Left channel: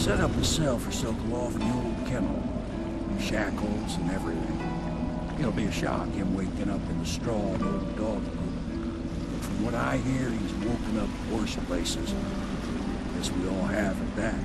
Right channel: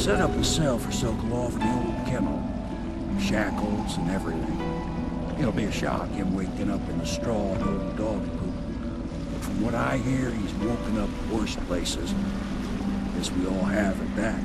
Set up a cell for Sokolov in the old kennel. Shackles and everything. It'll be a shock, him waking up in the straw and old dog poop. But from what I hear, he's woken up worse places. Guess we all have at that.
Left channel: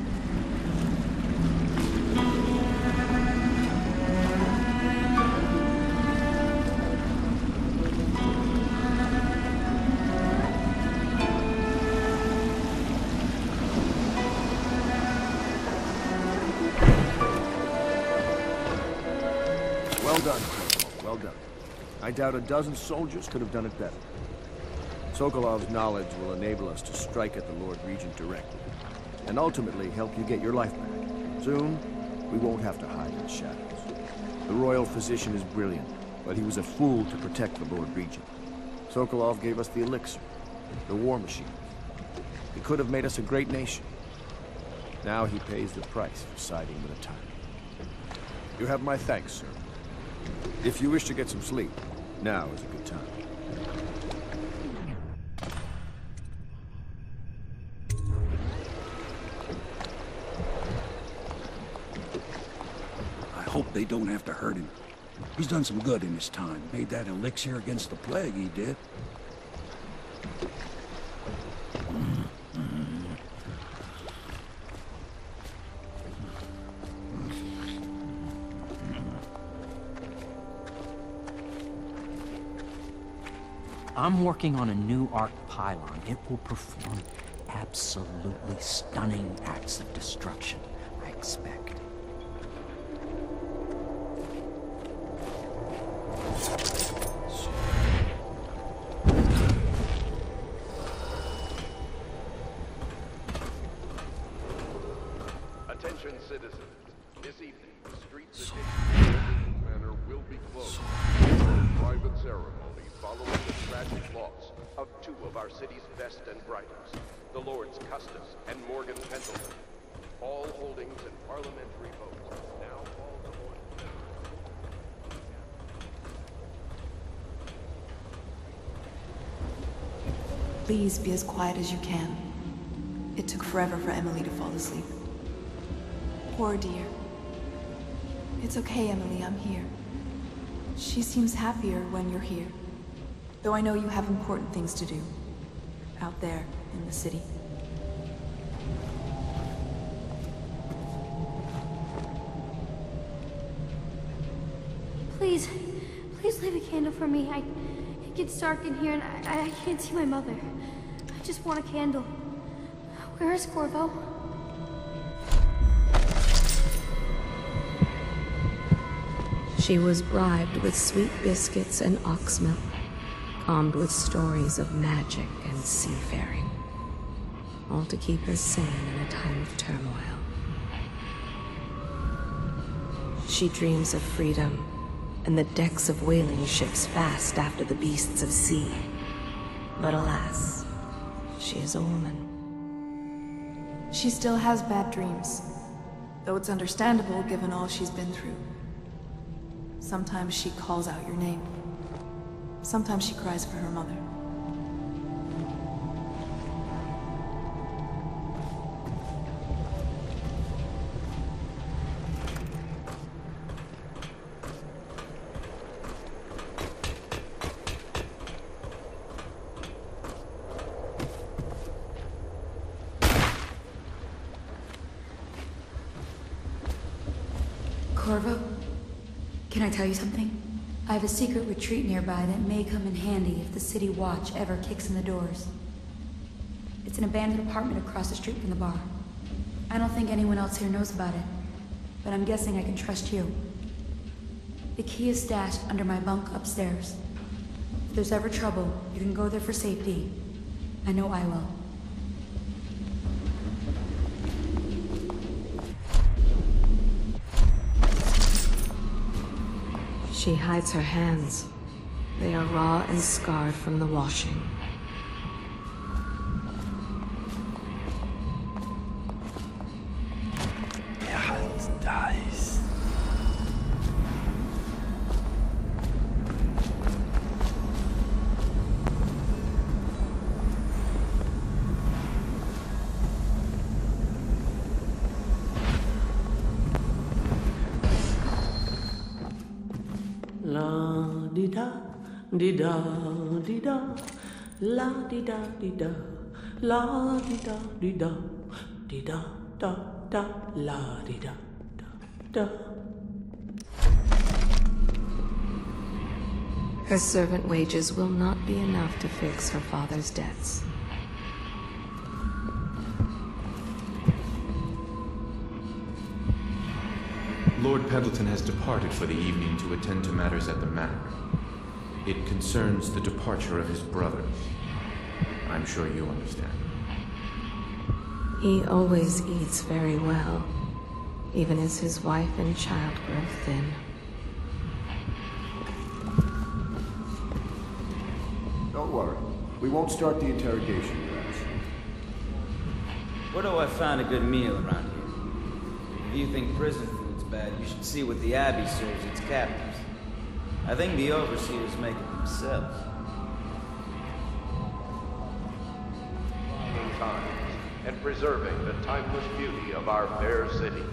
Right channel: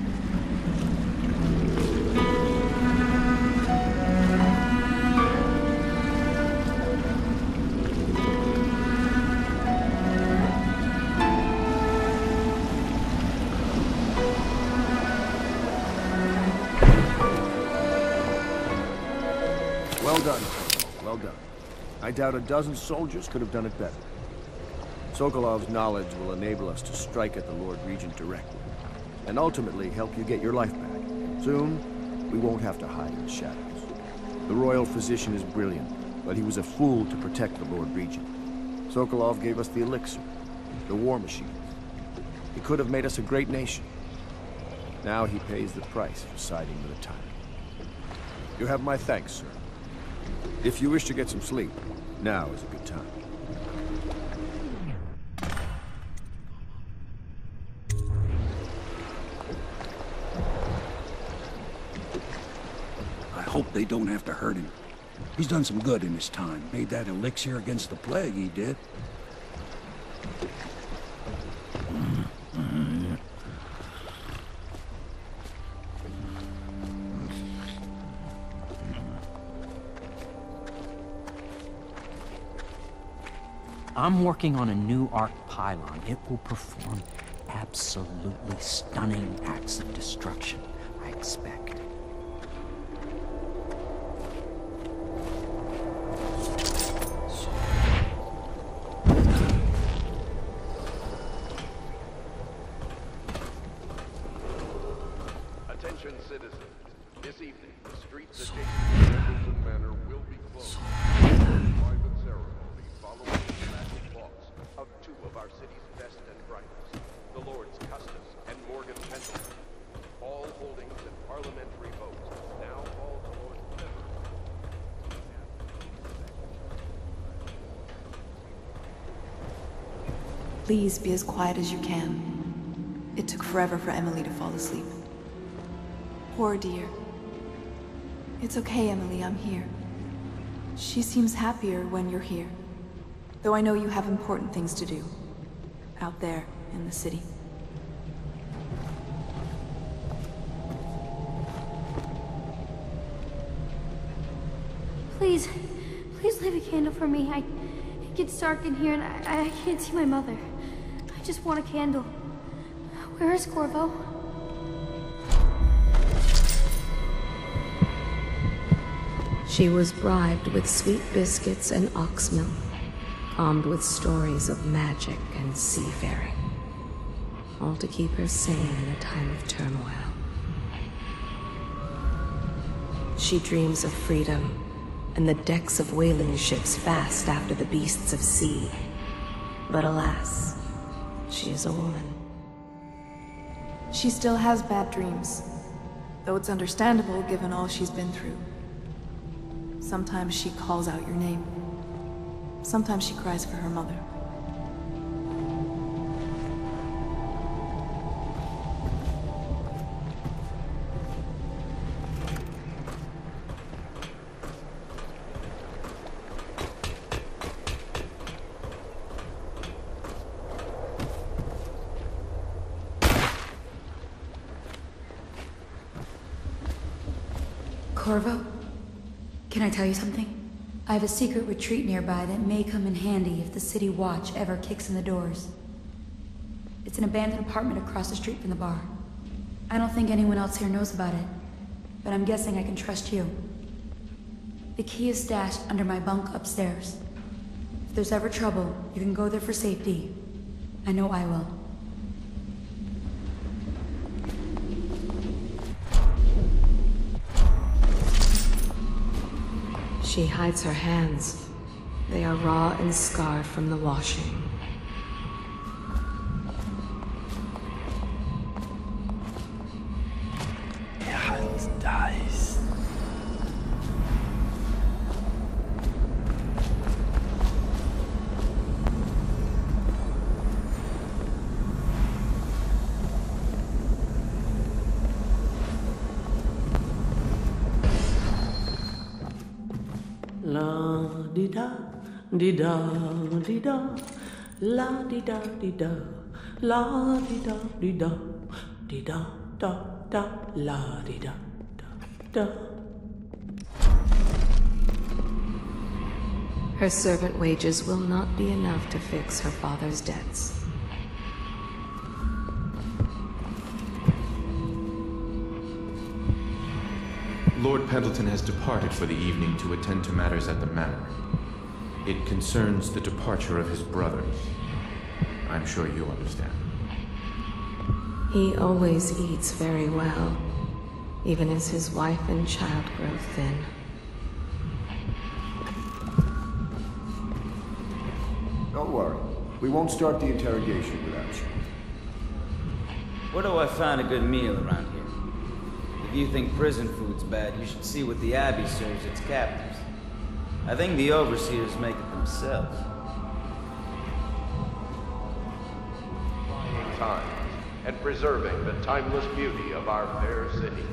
Well done, Corporal. Well done. I doubt a dozen soldiers could have done it better. Sokolov's knowledge will enable us to strike at the Lord Regent directly, and ultimately help you get your life back. Soon, we won't have to hide in the shadows. The Royal Physician is brilliant, but he was a fool to protect the Lord Regent. Sokolov gave us the elixir, the war machines. He could have made us a great nation. Now he pays the price for siding with a tyrant. You have my thanks, sir. If you wish to get some sleep, now is a good time. I hope they don't have to hurt him. He's done some good in his time. Made that elixir against the plague, he did. I'm working on a new arc pylon. It will perform absolutely stunning acts of destruction, I expect. Please be as quiet as you can. It took forever for Emily to fall asleep. Poor dear. It's okay, Emily, I'm here. She seems happier when you're here. Though I know you have important things to do. Out there, in the city. Please leave a candle for me. It gets dark in here and I can't see my mother. I just want a candle. Where is Corvo? She was bribed with sweet biscuits and ox milk, calmed with stories of magic and seafaring, all to keep her sane in a time of turmoil. She dreams of freedom, and the decks of whaling ships fast after the beasts of the sea. But alas, she's a woman. She still has bad dreams, though it's understandable given all she's been through. Sometimes she calls out your name. Sometimes she cries for her mother. Corvo, can I tell you something? I have a secret retreat nearby that may come in handy if the city watch ever kicks in the doors. It's an abandoned apartment across the street from the bar. I don't think anyone else here knows about it, but I'm guessing I can trust you. The key is stashed under my bunk upstairs. If there's ever trouble, you can go there for safety. I know I will. She hides her hands. They are raw and scarred from the washing. Ihr Hand dies. La di da di da di da, la di da di da, la di da di da, di da da da, la di da da da. Her servant wages will not be enough to fix her father's debts. Lord Pendleton has departed for the evening to attend to matters at the manor. It concerns the departure of his brothers. I'm sure you understand. He always eats very well, even as his wife and child grow thin. Don't worry. We won't start the interrogation without you. Where do I find a good meal around here? If you think prison food's bad, you should see what the Abbey serves its captives. I think the overseers make it themselves. Trying times, and preserving the timeless beauty of our fair city.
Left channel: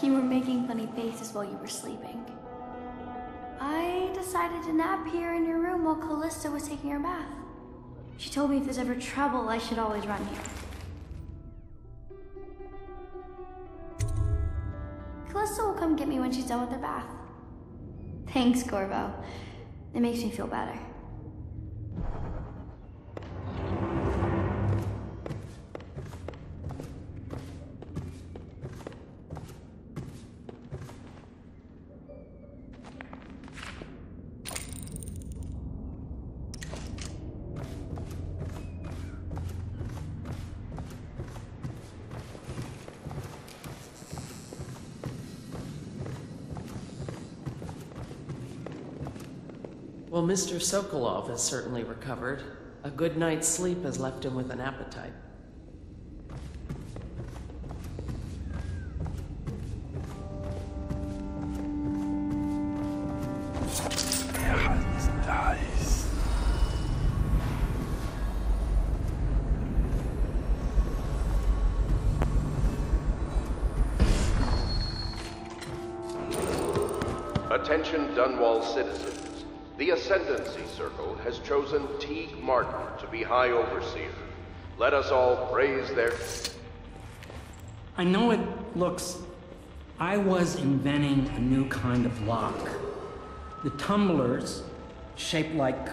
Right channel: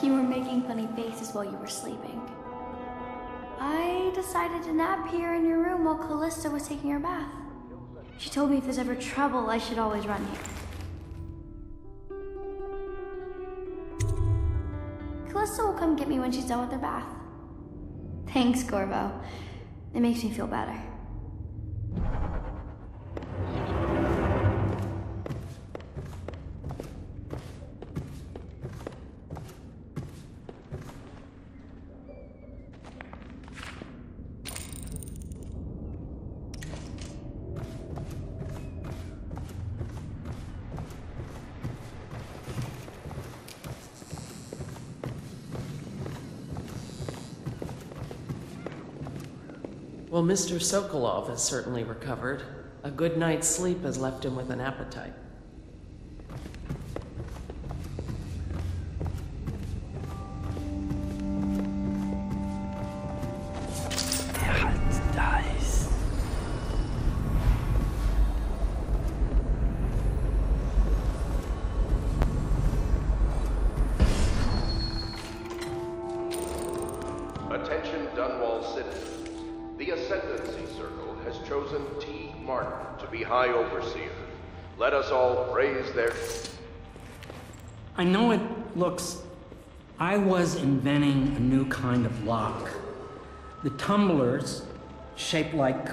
You were making funny faces while you were sleeping. I decided to nap here in your room while Callista was taking her bath. She told me if there's ever trouble, I should always run here. Callista will come get me when she's done with her bath. Thanks, Corvo. It makes me feel better. Well, Mr. Sokolov has certainly recovered. A good night's sleep has left him with an appetite. Attention Dunwall citizens. The Ascendancy Circle has chosen Teague Martin to be High Overseer. Let us all praise their... I know it looks... I was inventing a new kind of lock. The tumblers, shaped like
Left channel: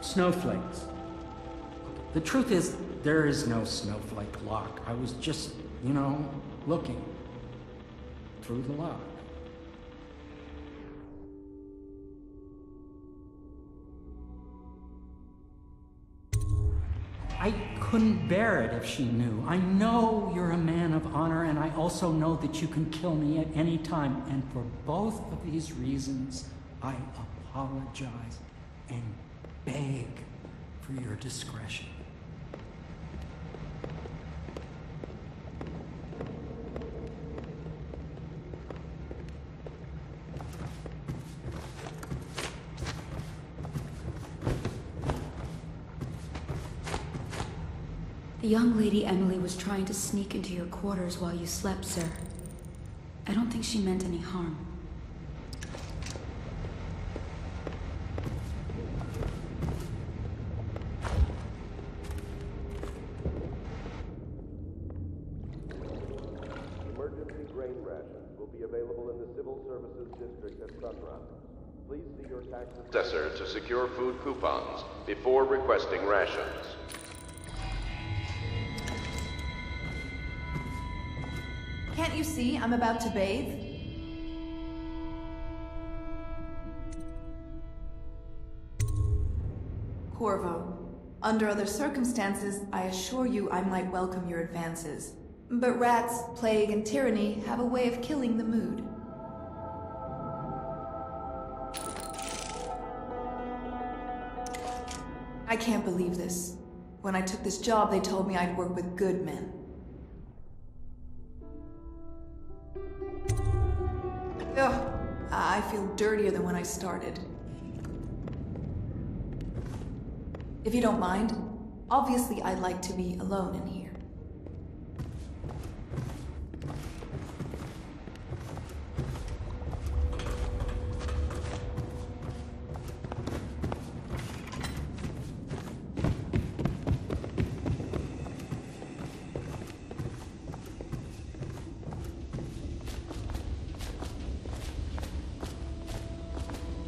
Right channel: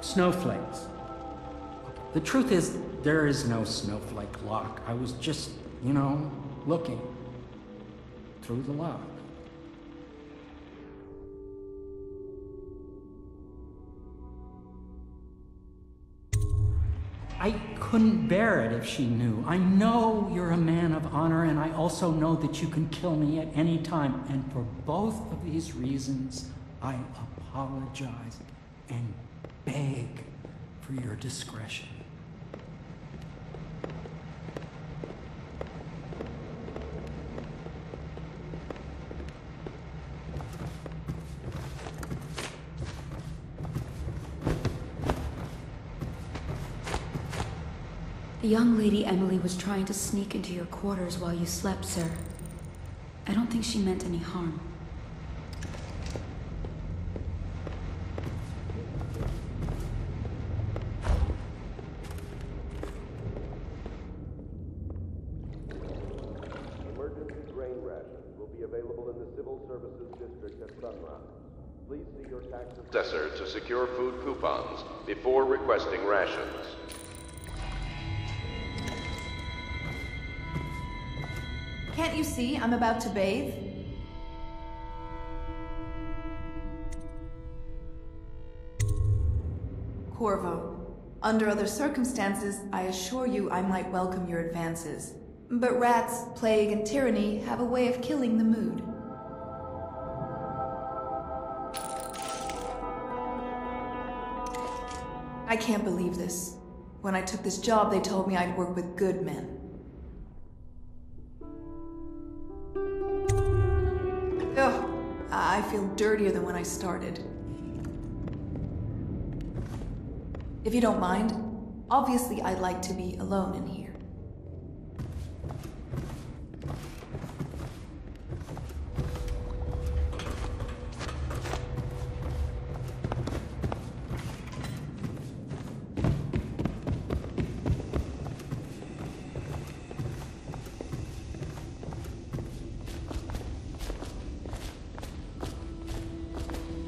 snowflakes. The truth is, there is no snowflake lock. I was just, you know, looking through the lock. I couldn't bear it if she knew. I know you're a man of honor, and I also know that you can kill me at any time. And for both of these reasons, I apologize and beg for your discretion. The young lady Emily was trying to sneak into your quarters while you slept, sir. I don't think she meant any harm. Can't you see I'm about to bathe? Corvo, under other circumstances, I assure you I might welcome your advances. But rats, plague, and tyranny have a way of killing the mood. I can't believe this. When I took this job, they told me I'd work with good men. Ugh, I feel dirtier than when I started. If you don't mind, obviously I'd like to be alone in here.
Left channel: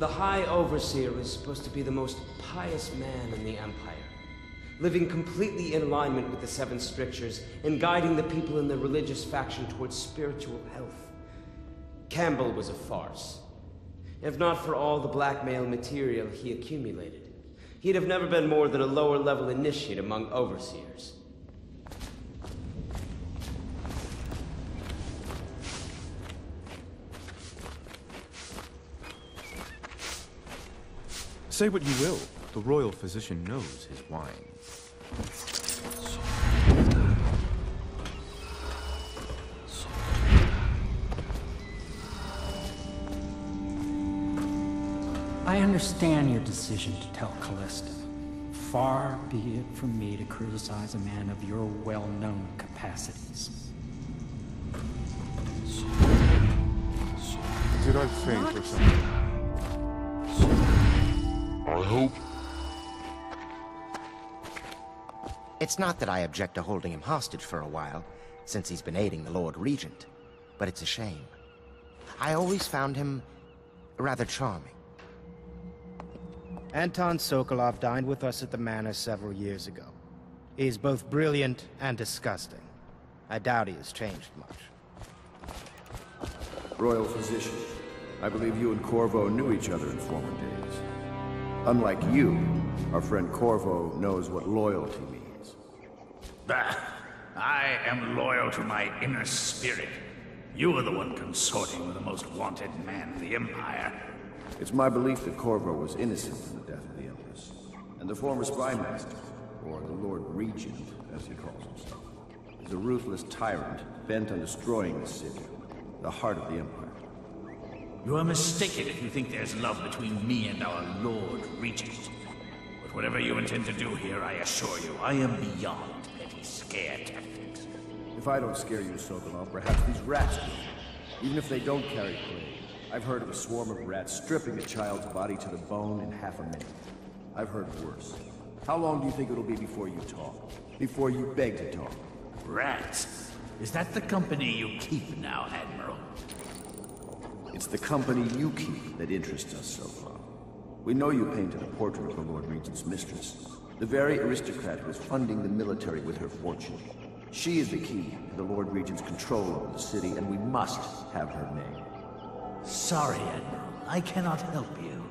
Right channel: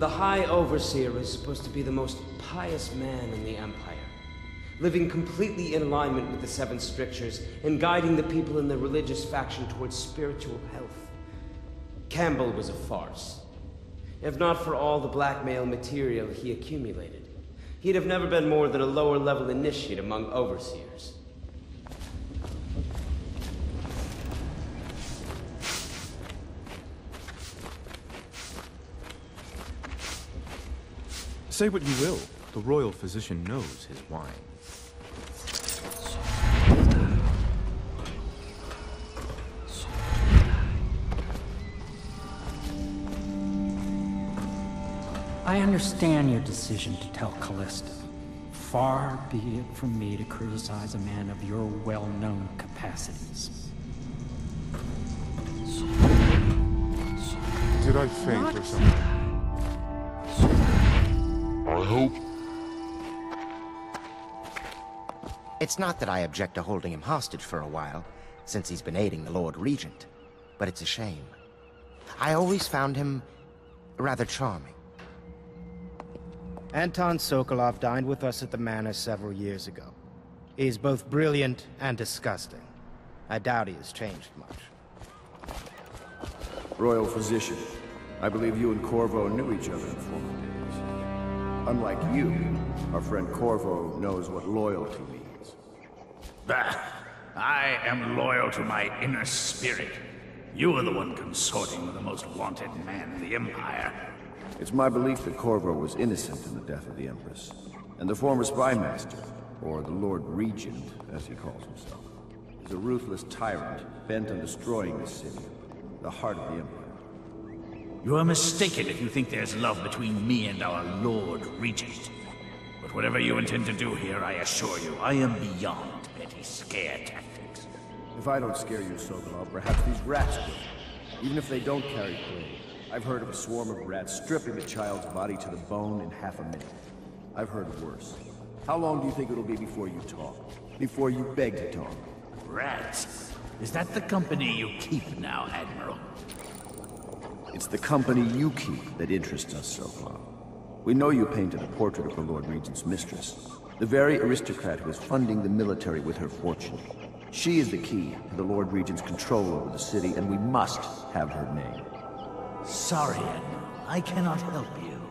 The High Overseer is supposed to be the most pious man in the Empire, living completely in alignment with the Seven Strictures and guiding the people in the religious faction towards spiritual health. Campbell was a farce. If not for all the blackmail material he accumulated, he'd have never been more than a lower-level initiate among Overseers. Say what you will, the Royal Physician knows his wine. I understand your decision to tell Callista. Far be it from me to criticize a man of your well-known capacities. I hope. It's not that I object to holding him hostage for a while, since he's been aiding the Lord Regent, but it's a shame. I always found him rather charming. Anton Sokolov dined with us at the manor several years ago. He's both brilliant and disgusting. I doubt he has changed much. Royal Physician, I believe you and Corvo knew each other in former days. Unlike you, our friend Corvo knows what loyalty means. Bah! I am loyal to my inner spirit. You are the one consorting with the most wanted man in the Empire. It's my belief that Corvo was innocent in the death of the Empress, and the former spy master, or the Lord Regent, as he calls himself, is a ruthless tyrant bent on destroying this city, the heart of the Empire. You are mistaken if you think there's love between me and our Lord Regent. But whatever you intend to do here, I assure you, I am beyond petty scare tactics. If I don't scare you, Sokolov, perhaps these rats will. Even if they don't carry plague. I've heard of a swarm of rats stripping a child's body to the bone in half a minute. I've heard worse. How long do you think it'll be before you talk? Before you beg to talk? Rats? Is that the company you keep now, Admiral? It's the company you keep that interests us, Sokolov. We know you painted a portrait of the Lord Regent's mistress, the very aristocrat who is funding the military with her fortune. She is the key to the Lord Regent's control over the city, and we must have her name. Sorry, Admiral. I cannot help you.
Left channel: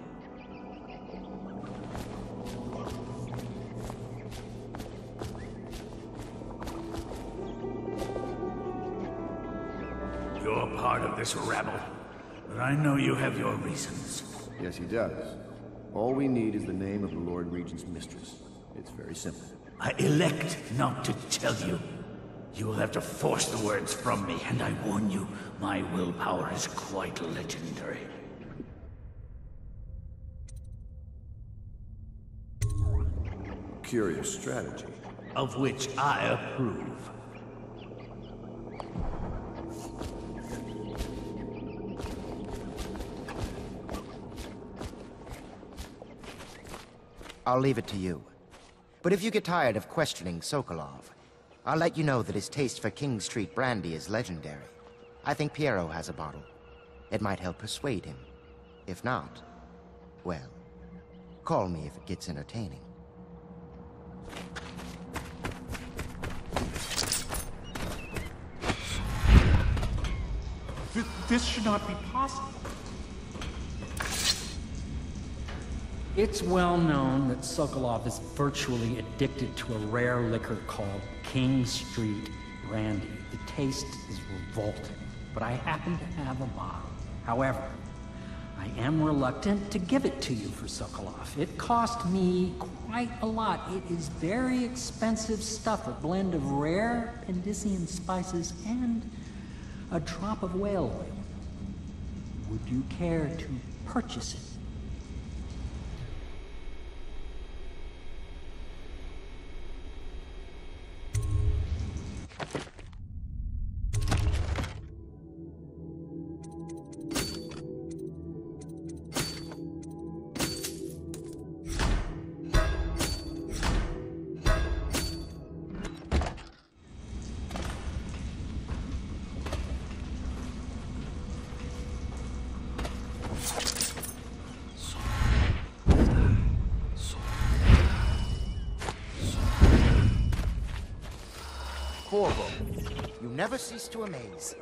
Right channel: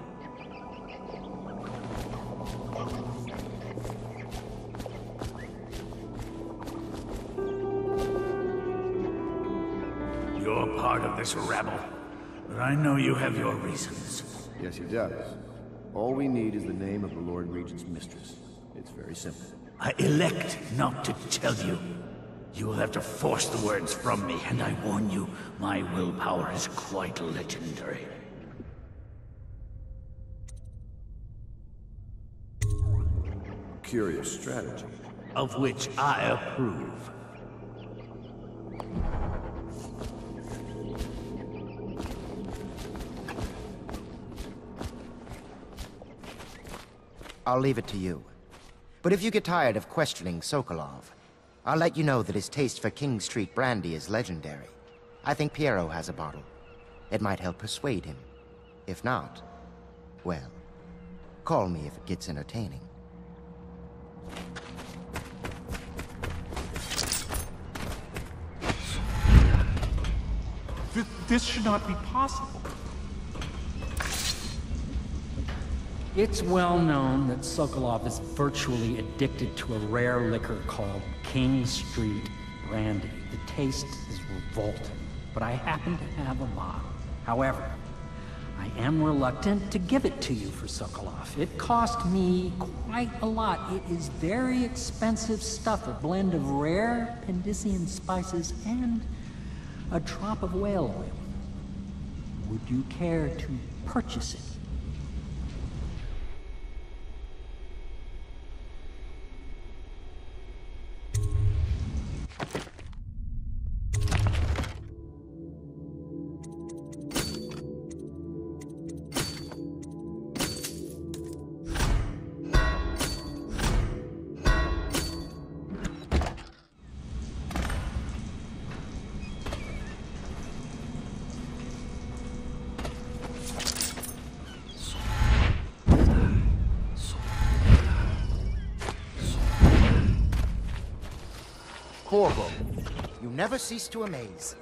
this rabble, but I know you have your reasons. Yes, he does. All we need is the name of the Lord Regent's mistress. It's very simple. I elect not to tell you. You will have to force the words from me, and I warn you, my willpower is quite legendary. Curious strategy. Of which I approve. I'll leave it to you. But if you get tired of questioning Sokolov, I'll let you know that his taste for King Street brandy is legendary. I think Piero has a bottle. It might help persuade him. If not, well, call me if it gets entertaining. This should not be possible. It's well known that Sokolov is virtually addicted to a rare liquor called King Street brandy. The taste is revolting, but I happen to have a bottle. However, I am reluctant to give it to you for Sokolov. It cost me quite a lot. It is very expensive stuff, a blend of rare Pendician spices and a drop of whale oil. Would you care to purchase it? Corvo, you never cease to amaze.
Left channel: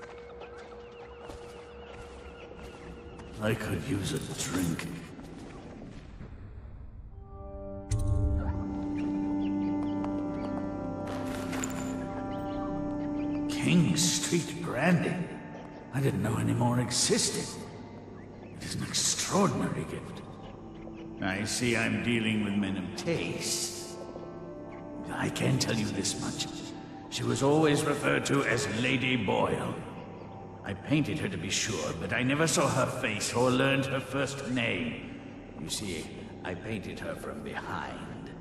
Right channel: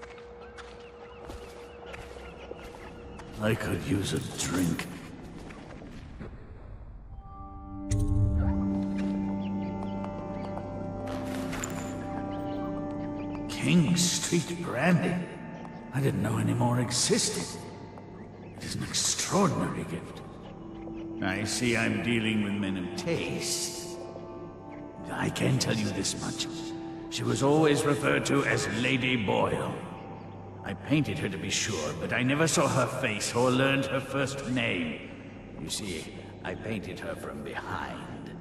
I could use a drink. King Street brandy? I didn't know any more existed. It is an extraordinary gift. I see I'm dealing with men of taste. I can tell you this much. She was always referred to as Lady Boyle. I painted her to be sure, but I never saw her face or learned her first name. You see, I painted her from behind.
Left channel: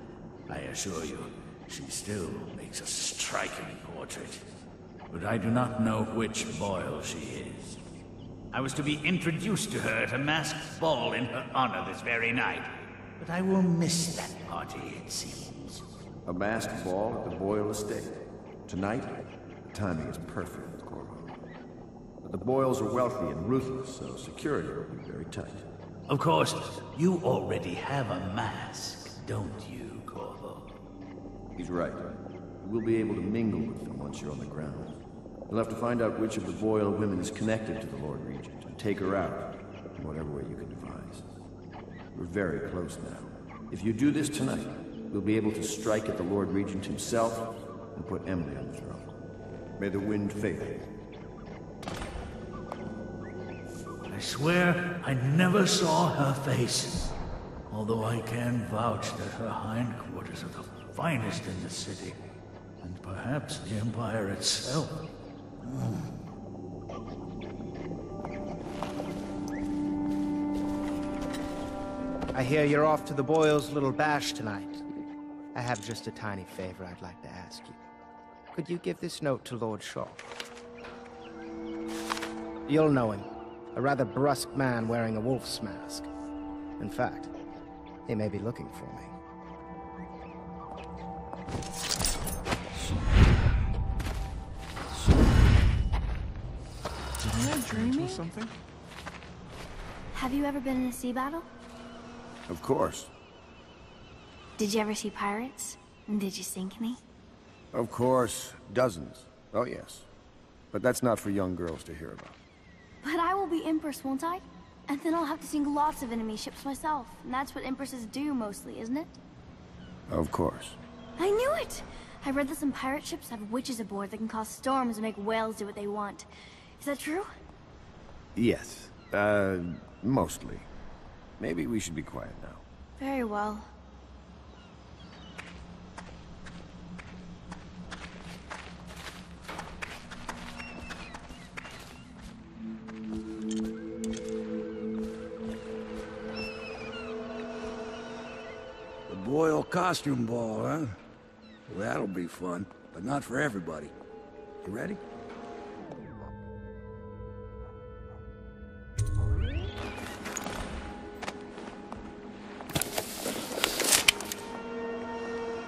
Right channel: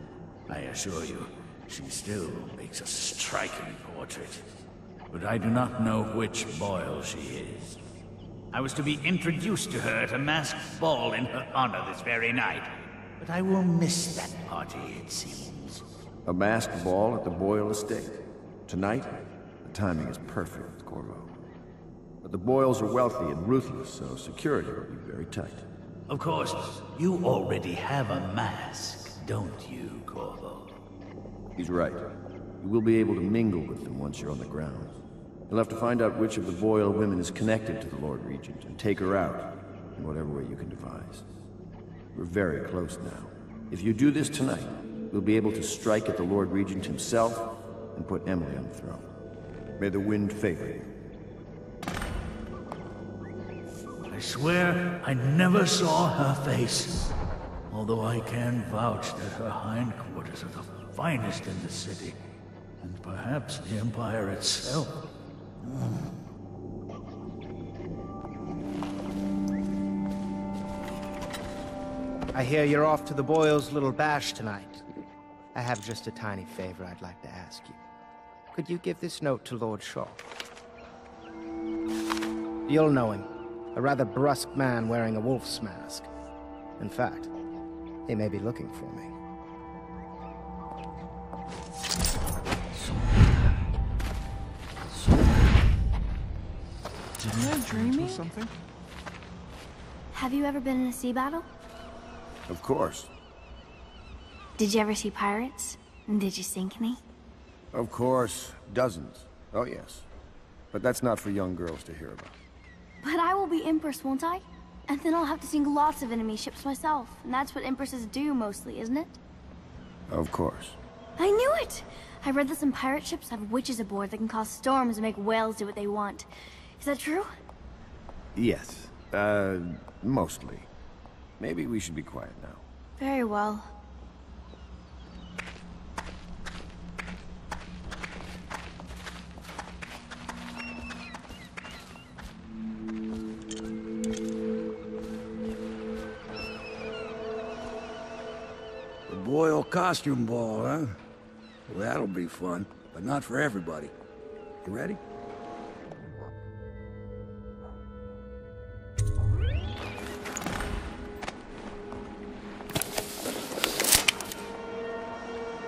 I assure you, she still makes a striking portrait. But I do not know which Boyle she is. I was to be introduced to her at a masked ball in her honor this very night. But I will miss that party, it seems. A masked ball at the Boyle estate. Tonight, the timing is perfect, Corvo. But the Boyles are wealthy and ruthless, so security will be very tight. Of course, you already have a mask, don't you, Corvo? He's right. You will be able to mingle with them once you're on the ground. You'll have to find out which of the Boyle women is connected to the Lord Regent and take her out in whatever way you can devise. We're very close now. If you do this tonight, we'll be able to strike at the Lord Regent himself and put Emily on the throne. May the wind favor you. I swear I never saw her face. Although I can vouch that her hindquarters are the finest in the city. And perhaps the Empire itself. I hear you're off to the Boyles' little bash tonight. I have just a tiny favor I'd like to ask you. Could you give this note to Lord Shaw? You'll know him. A rather brusque man wearing a wolf's mask. In fact, he may be looking for me. Am I dreaming? Something? Have you ever been in a sea battle? Of course. Did you ever see pirates? And did you sink any? Of course. Dozens. Oh, yes. But that's not for young girls to hear about. But I will be Empress, won't I? And then I'll have to sink lots of enemy ships myself. And that's what Empresses do mostly, isn't it? Of course. I knew it! I read that some pirate ships have witches aboard that can cause storms and make whales do what they want. Is that true? Yes. Mostly. Maybe we should be quiet now. Very well. The Boyle costume ball, huh? Well, that'll be fun, but not for everybody. You ready?